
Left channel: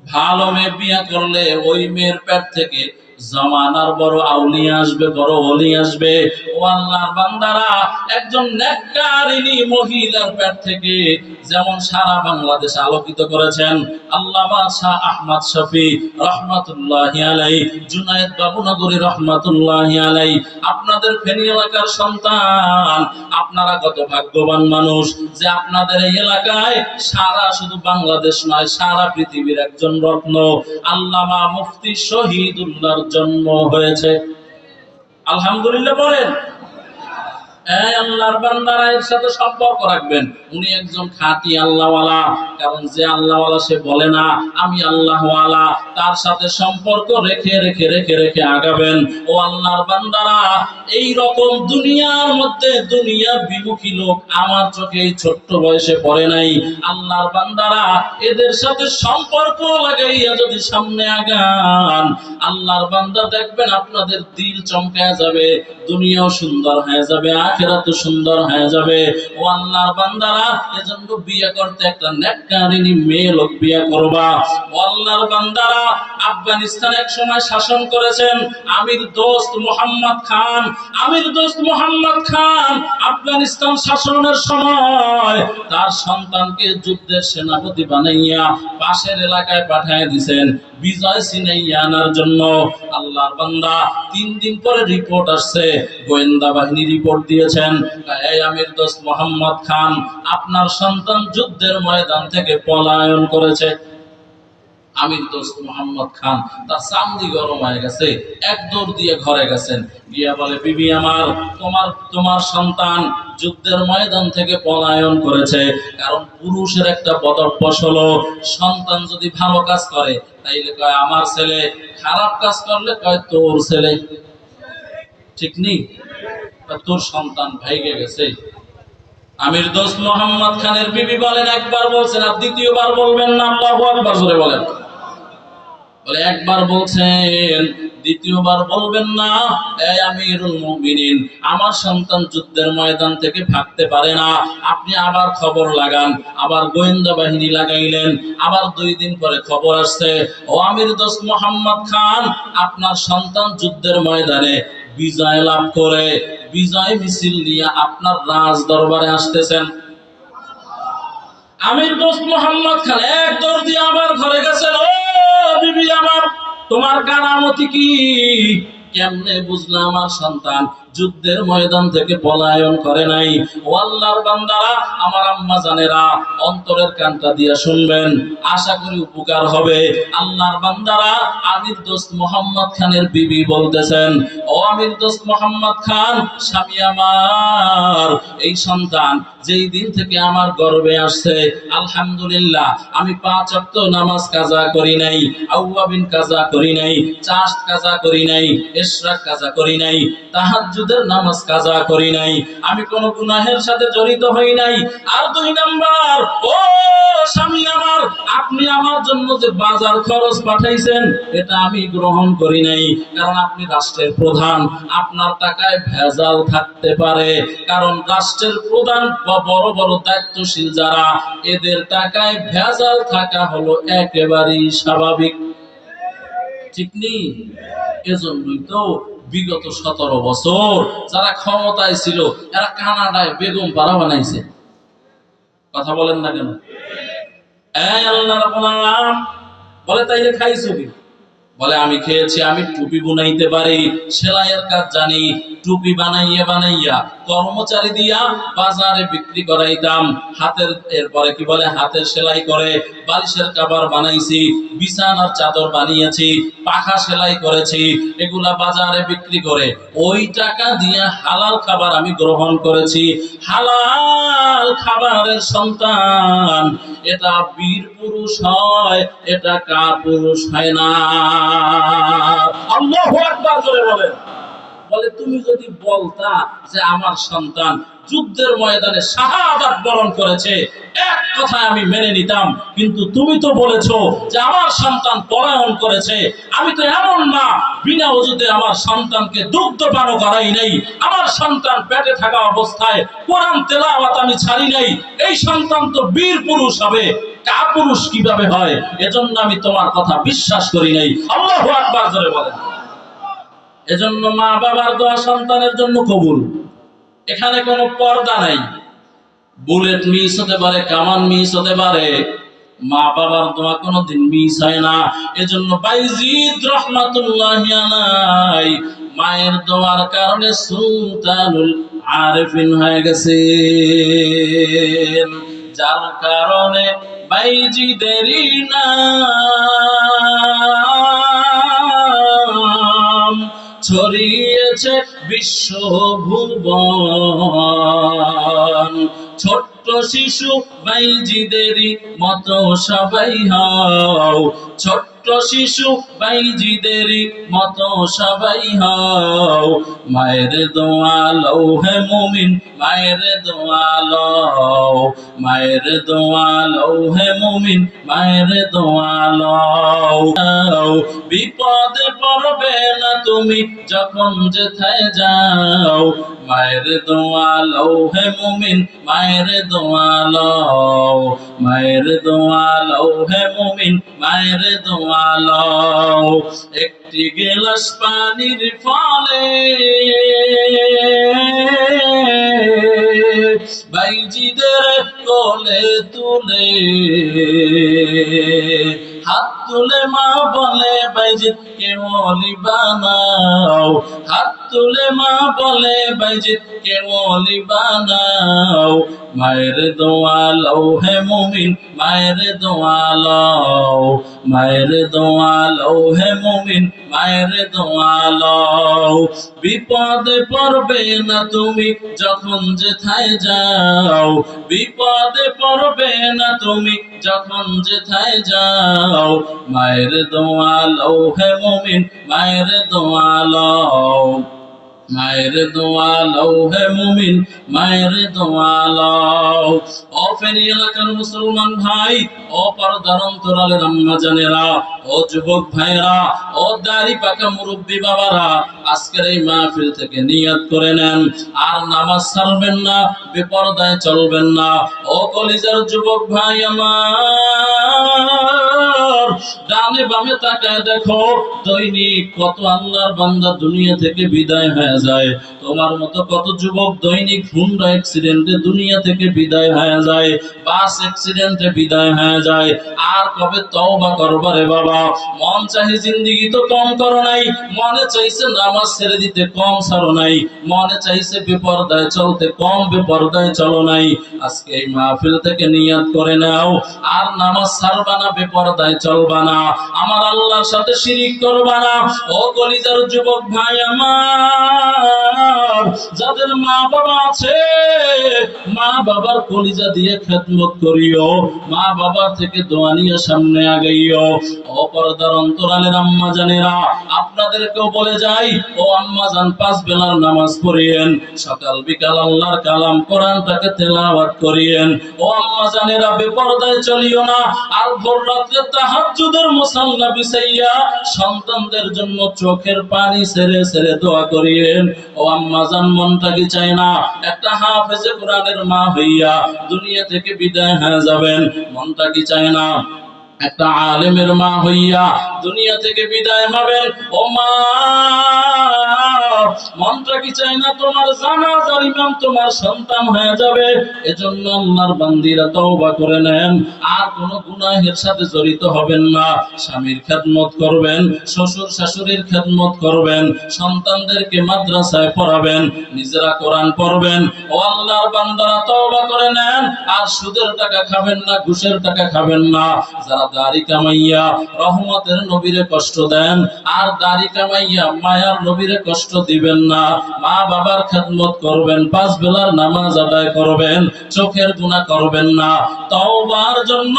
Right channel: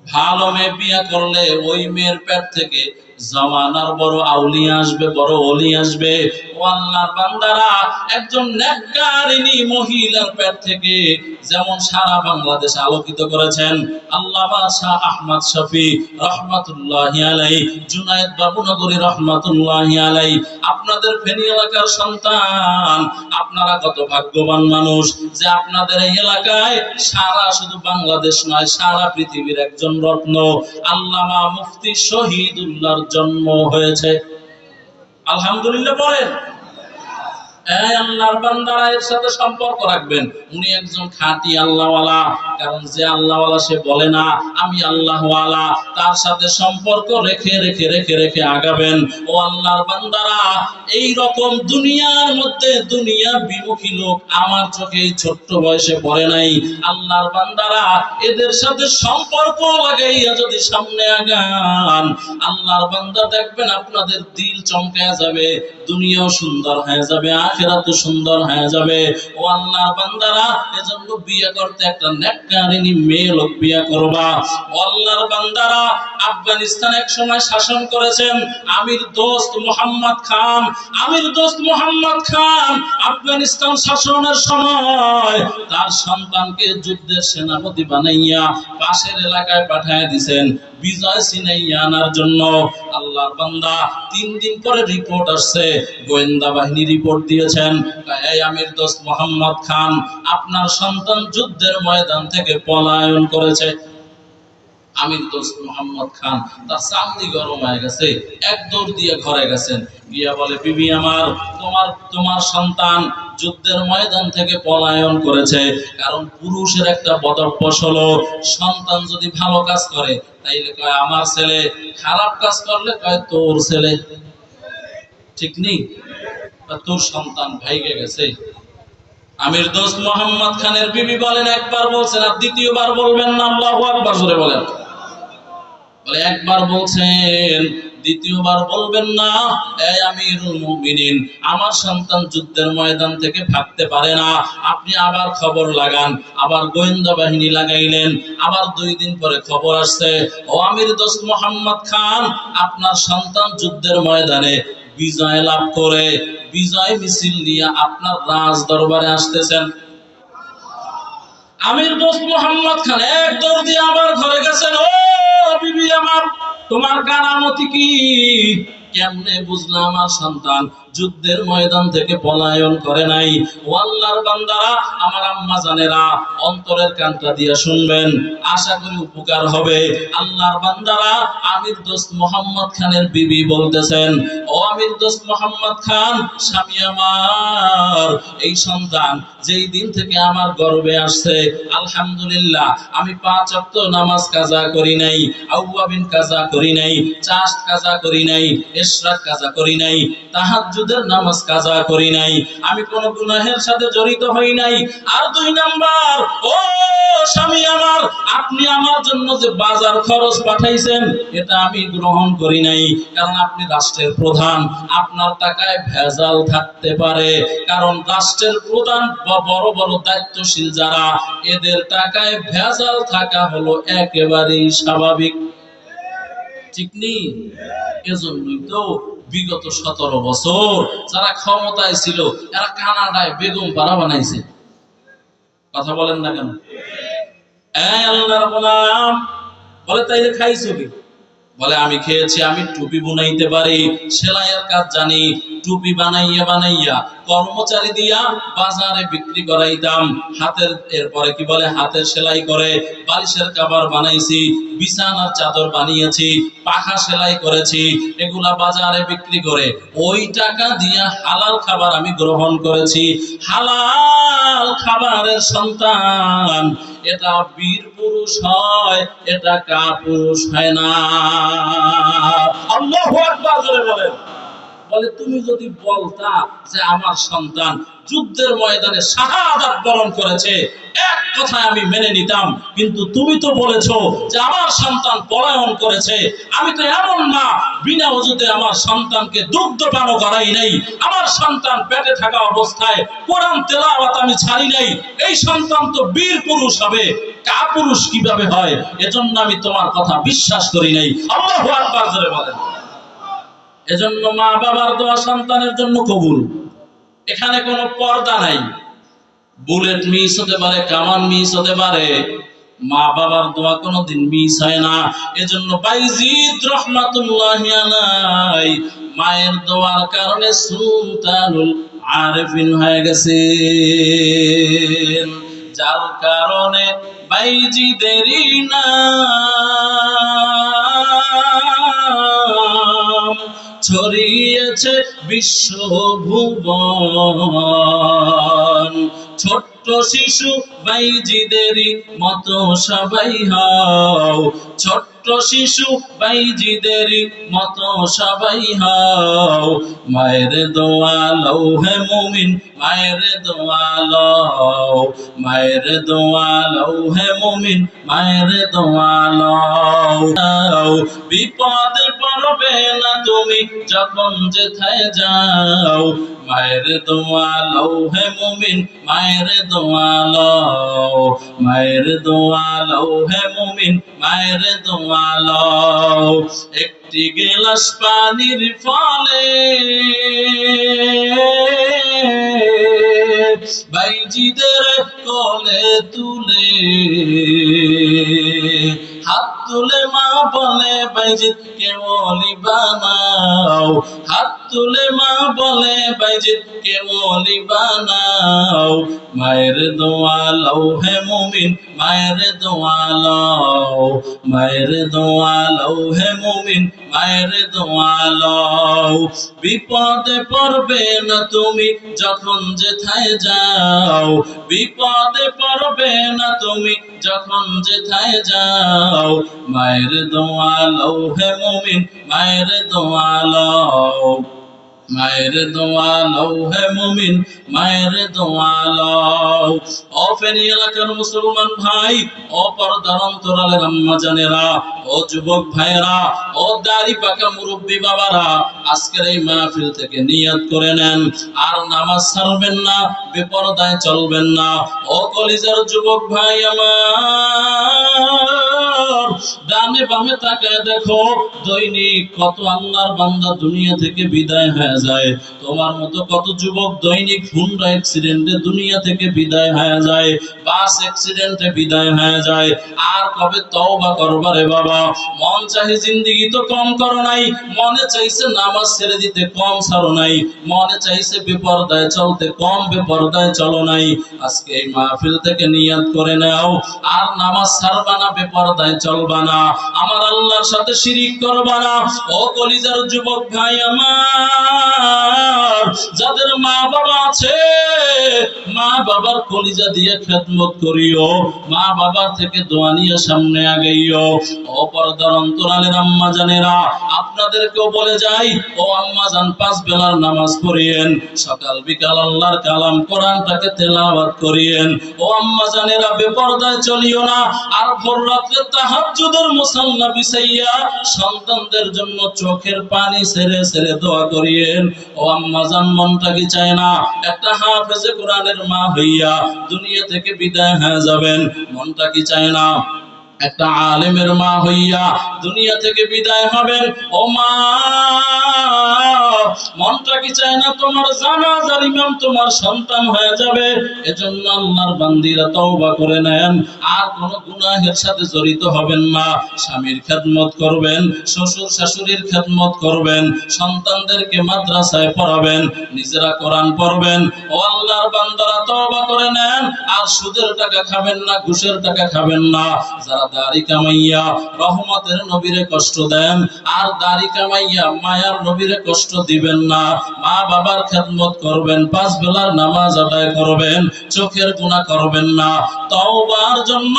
ভালো মেয়ে বিয়ে করলে ওই মেয়ের পেট থেকে জমানার বড় আউলিয়া আসবে, বড় ওলি আসবে। ও আল্লাহর বান্দারা, একজন নেককারিনী মহিলার পেট থেকে যেমন সারা বাংলাদেশ আলোকিত করেছেন আল্লামা শাহ আহমদ শফী রহমাতুল্লাহি আলাইহি, জুনায়েদ বাবুনগরী রহমাতুল্লাহি আলাইহি, আপনাদের ফেনী এলাকার সন্তান। আপনারা কত ভাগ্যবান মানুষ যে আপনাদের এই এলাকায় সারা শুধু বাংলাদেশ নয়, সারা পৃথিবীর একজন রত্ন আল্লামা মুফতি শহীদুল্লাহর জন্ম হয়েছে। আলহামদুলিল্লাহ বলেন। এই আল্লাহর বান্দারা, এর সাথে সম্পর্ক রাখবেন। উনি একজন খাঁটি আল্লাহওয়ালা, কারণ যে আল্লাহওয়ালা সে বলে না আমি আল্লাহওয়ালা, তার সাথে সম্পর্ক রেখে রেখে রেখে রেখে আগাবেন। ও আল্লাহর বান্দারা, এই রকম দুনিয়ার মধ্যে দুনিয়া বিমুখী লোক আমার চোখে এই ছোট্ট বয়সে পড়ে নাই। আল্লাহর বান্দারা, এদের সাথে সম্পর্ক লাগাইয়া যদি সামনে আগান, আল্লাহর বান্দা দেখবেন আপনাদের দিল চমকে যাবে, দুনিয়াও সুন্দর হয়ে যাবে, আখিরাতও সুন্দর হয়ে যাবে। ও আল্লাহর বান্দারা, এজন্য বিয়ে করতে একটা নেককারিনী মেয়ে লোক বিয়ে করবা। ও আল্লাহর বান্দারা, আফগানিস্তান এক সময় শাসন করেছেন আমির দোস্ত মোহাম্মদ খান। আমির দোস্ত মোহাম্মদ খান আফগানিস্তান শাসনের সময় তার সন্তানকে যুদ্ধের সেনাপতি বানাইয়া পাশের এলাকায় পাঠিয়ে দিয়েছেন বিজয় ছিনাইয়া আনার জন্য। আল্লাহর বান্দা, 3 দিন পরে রিপোর্ট আসছে, গোয়েন্দা বাহিনী রিপোর্ট দিয়েছেন, এই আমির দোস্ত মোহাম্মদ খান আপনার সন্তান যুদ্ধের ময়দান থেকে পলায়ন করেছে। আমির দোস্ত মোহাম্মদ খান তার চামড়ি গরম হয়ে গেছে, এক দৌড় দিয়ে ঘরে গেছেন, গিয়া বলে বিবি আমার, তোমার সন্তান যুদ্ধের ময়দান থেকে পলায়ন করেছে। কারণ পুরুষের একটা বদভ্যাস হলো, সন্তান যদি ভালো কাজ করে তাইলে কয় আমার ছেলে, খারাপ কাজ করলে কয় তোর ছেলে। ঠিক নেই? তোর সন্তান ভাইগে গেছে। আমির দোস্ত মোহাম্মদ খানের বিবি বলেন, একবার বলছেন আর দ্বিতীয়বার বলবেন না, আল্লাহু আকবার জোরে বলেন। বলে একবার বলছেন, দ্বিতীয়বার বলবেন না। এই আমিরুল মুমিনিন, আমার সন্তান যুদ্ধের ময়দান থেকে ভাগতে পারে না, আপনি আবার খবর লাগান। আবার গোয়েন্দা বাহিনী লাগাইলেন, আবার 2 দিন পরে খবর আসছে, ও আমির দোস্ত মোহাম্মদ খান আপনার সন্তান যুদ্ধের ময়দানে বিজয় লাভ করে বিজয় মিছিল নিয়ে আপনার রাজ দরবারে আসতেছেন। আমির দোস্ত মোহাম্মদ খান এক দৌড় দিয়ে আবার ঘরে গেছেন। ও বিবি আমার, তোমার কারামতি কি? কেমনে বুঝলাম আমার সন্তান যুদ্ধের ময়দান থেকে পলায়ন করে নাই? ও আল্লাহর বান্দারা, আমার আম্মা জানেরা, অন্তরের কানটা দিয়ে শুনবেন, আশা করি উপকার হবে। আল্লাহর বান্দারা, আমির দোস্ত মোহাম্মদ খানের বিবি বলতেছেন, ও আমির দোস্ত মোহাম্মদ খান, স্বামী আমার, এই সন্তান যেই দিন থেকে আমার গর্ভে আসছে, আলহামদুলিল্লাহ আমি 5 ওয়াক্ত নামাজ কাজা করি নাই, আউয়াবিন কাজা করি নাই, চাষ্ট কাজা করি নাই, ইশরাক কাজা করি নাই, তাহাজ্জুদের নামাজ কাজা করি নাই, আমি কোন গুনাহের সাথে জড়িত হই নাই। আর 2 নাম্বার, ও স্বামী আমার, আপনি আমার জন্য যে বাজার খরচ পাঠাইছেন এটা আমি গ্রহণ করি নাই, কারণ আপনি রাষ্ট্রের প্রধান, আপনার টাকায় ভেজাল থাকতে পারে। কারণ রাষ্ট্রের প্রধান বা বড় বড় দায়িত্বশীল যারা, এদের টাকায় ভেজাল থাকা হলো একেবারেই স্বাভাবিক। ঠিক নেই? এজন্যই তো বিগত 17 বছর যারা ক্ষমতায় ছিল এরা কানাডায় বেগম পাড়া বানাইছে। কথা বলেন না কেন? এই আল্লাহর গোলাম বলে তাইলে খাইছো কি? বলে আমি খেয়েছি, আমি টুপি বুনাইতে পারি, সেলাইয়ের কাজ জানি, টুপি বানাইয়া বানাইয়া কর্মচারী দিয়া বাজারে বিক্রি করাইতাম। হাতের এরপরে কি বলে হাতের সেলাই করে বালিশের কভার বানাইছি, বিছানার চাদর বানিয়েছি, পাখা সেলাই করেছি, এগুলা বাজারে বিক্রি করে ওই টাকা দিয়া হালাল খাবার আমি গ্রহণ করেছি। হালাল খাবারের সন্তান এটা বীর পুরুষ হয়, এটা কাপুরুষ হয় না। আল্লাহু আকবার করে বলেন। বলে তুমি যদি বলতা যে আমার সন্তান যুদ্ধের ময়দানে শাহাদাত বরণ করেছে, এক কথায় আমি মেনে নিতাম, কিন্তু তুমি তো বলেছো যে আমার সন্তান পলায়ন করেছে। আমি তো এমন না বিনা ওজুতে আমার সন্তানকে দুগ্ধপান করাই নাই, আমার সন্তান পেটে থাকা অবস্থায় কোরআন তেলাওয়াত আমি ছাড়ি নাই, এই সন্তান তো বীর পুরুষ হবে, কাপুরুষ কিভাবে হয়? এজন্য আমি তোমার কথা বিশ্বাস করি নাই। আল্লাহু আকবার জোরে বলেন। এজন্য মা বাবার দোয়া সন্তানের জন্য কবুল। এখানে কোনো পর্দা নাই। বুলেট মিস হতে পারে, কামান মিস হতে পারে, মা বাবার দোয়া কোনোদিন মিস হয় না। এজন্য বাইজিদ রাহমাতুল্লাহি আলাইহি মায়ের দোয়ার কারণে সুলতানুল আরিফিন হয়ে গেছে, যার কারণে বাইজিদেরই নাম ছড়িয়েছে বিশ্বভুবন। ছোট্ট শিশু বাইজিদেরই মতো সবাই হও, ছোট্ট শিশু বাইজিদেরই মতো সবাই হও। মায়ের দোয়া লও হে মুমিন, মায়ের দোয়া লও, মায়ের দোয়া লও হে মুমিন, মায়ের দোয়া লও। বিপদে পড়বে না তুমি যখন যেথায় যাও, মায়ের দোয়া লও হে মুমিন, মায়ের দোয়া লও, মায়ের দোয়া লও হে মুমিন, মায়ের দোয়া লও। একটি গিলাস পানির ফলে বাইজিদের কোলে তুলে, হাত তুলে মা বলে বাইজিদ কে ওলি বানাও, হাত তুলে মা বলে বাইজিদ কে ওলি বানাও। মায়ের দোয়া লও হে মুমিন, মায়ের দোয়া লও, মায়ের দোয়া লও হে মুমিন, মায়ের দোয়া লও। বিপদে পড়বে না তুমি যখন যেথায় যাও, বিপদে পড়বে না তুমি যখন যেথায় যাও। মায়ের দোয়া লও হে মুমিন, মায়ের দোয়া লও, মায়ের দোয়া লও হে মুমিন, মায়ের দোয়া লও। ও ফেনী এলাকার মুসলমান ভাই, ও পর্দার অন্তরালের আম্মা জানেরা, ও যুবক ভাইরা, ও দাড়ি পাকা মুরব্বী বাবারা, আজকের এই মাহফিল থেকে নিয়ত করে নেন আর নামাজ ছাড়বেন না, বেপরদায় চলবেন না। ও কলিজার যুবক ভাই আমার, ডানে বামে তাকায় দেখো দৈনিক কত আল্লাহর বান্দা দুনিয়া থেকে বিদায় হয়ে যায়। তোমার মতো কত যুবক দৈনিক হুন্ডা অ্যাক্সিডেন্টে দুনিয়া থেকে বিদায় হয়ে যায়, বাস অ্যাক্সিডেন্টে বিদায় হয়ে যায়। আর কবে তওবা করবা রে বাবা? মন চাহি জিন্দেগি তো কম করো নাই, মনে চাইছে নামাজ ছেড়ে দিতে কম ছাড়ো নাই, মনে চাইছে বেপরদায় চলতে কম বেপরদায় চলো নাই। আজকে এই মাহফিল থেকে নিয়ত করে নাও আর নামাজ ছাড়বা না, বেপরদায় চলবা না, আমার আল্লাহর সাথে শিরিক করবা না। ও কলিজার যুবক ভাই আমার, যাদের মা বাবা আছে মা বাবার কলিজা দিয়ে খেদমত করিও, মা বাবার থেকে দোয়া নিয়ে সামনে আগাইও। ও পর্দার অন্তরালের আম্মা জানেরা, আপনাদেরকেও বলে যাই, ও আম্মা জান 5 বেলার নামাজ পড়িয়েন, সকাল বিকাল আল্লাহর কালাম কোরআনটাকে তেলাওয়াত করিয়েন। ও আম্মা জানেরা, বেপরদায় চলিও না, আর ভোর রাতে তাহাজ্জুদের মুসাল্লা বিছাইয়া সন্তানদের জন্য চোখের পানি ছেড়ে ছেড়ে দোয়া করিয়েন। ও আম্মা জান, মনটা কি চায় না একটা হাফেজে কোরআনের মা হইয়া দুনিয়া থেকে বিদায় হয়ে যাবেন? মনটা কি চায় না একটা আলেমের মা হইয়া দুনিয়া থেকে বিদায় হবেন, ও মা, মনটা কি চায় না তোমার জানাজার ইমাম তোমার সন্তান হয়ে যাবে? এজন্য আল্লাহর বান্দীরা তওবা করে নেন, আর কোন গুনাহের সাথে জড়িত হবেন না। স্বামীর খেদমত করবেন, শ্বশুর শাশুড়ির খেদমত করবেন, সন্তানদেরকে মাদ্রাসায় পড়াবেন, নিজেরা কোরআন পড়বেন। ও আল্লাহর বান্দারা তওবা করে নেন, আর সুদের টাকা খাবেন না, ঘুষের টাকা খাবেন না। যারা দাড়ি কামাইয়া রহমতের নবীরে কষ্ট দেন, আর দাড়ি কামাইয়া মায়ার নবীরে কষ্ট দিবেন না। মা বাবার খেদমত করবেন, 5 বেলার নামাজ আদায় করবেন, চোখের গুনাহ করবেন না। তওবার জন্য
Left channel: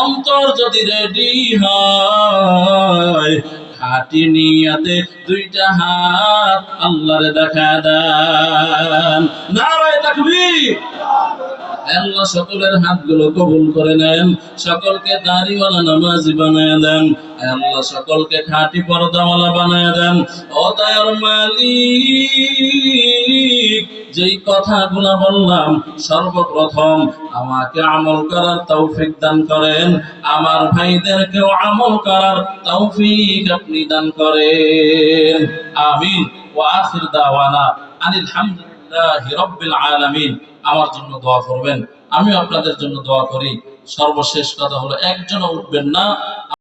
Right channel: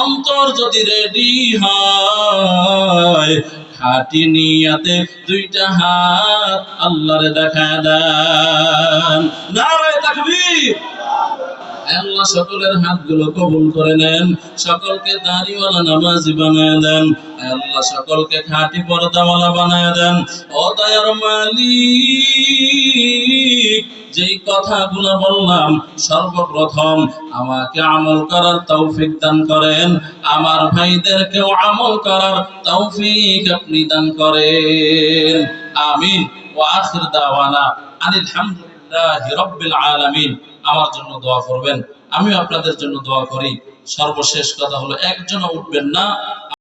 অন্তর যদি রেডি হয়, খাঁটি নিয়াতে 2টা হাত আল্লাহরে দেখা দেন। নারায়ে তাকবীর। আল্লাহ সকলের হাতগুলো কবুল করে নেন, সকলকে দাড়িওয়ালা নামাজি বানায় দেন, আল্লাহ সকলকে খাঁটি পর্দাওয়ালা বানায় দেন। ও দয়ার মালিক, যেই কথাগুলো বললাম সর্বপ্রথম আমাকে আমল করার তৌফিক দান করেন, আমার ভাইদেরকেও আমল করার তৌফিক আপনি দান করেন। আমিন। ওয়া আখির দাওয়ানা আনিল হামদুলিল্লাহি রাব্বিল আলামিন। আমার জন্য দোয়া করবেন, আমিও আপনাদের জন্য দোয়া করি। সর্বশেষ কথা হলো, একজনও উঠবেন না,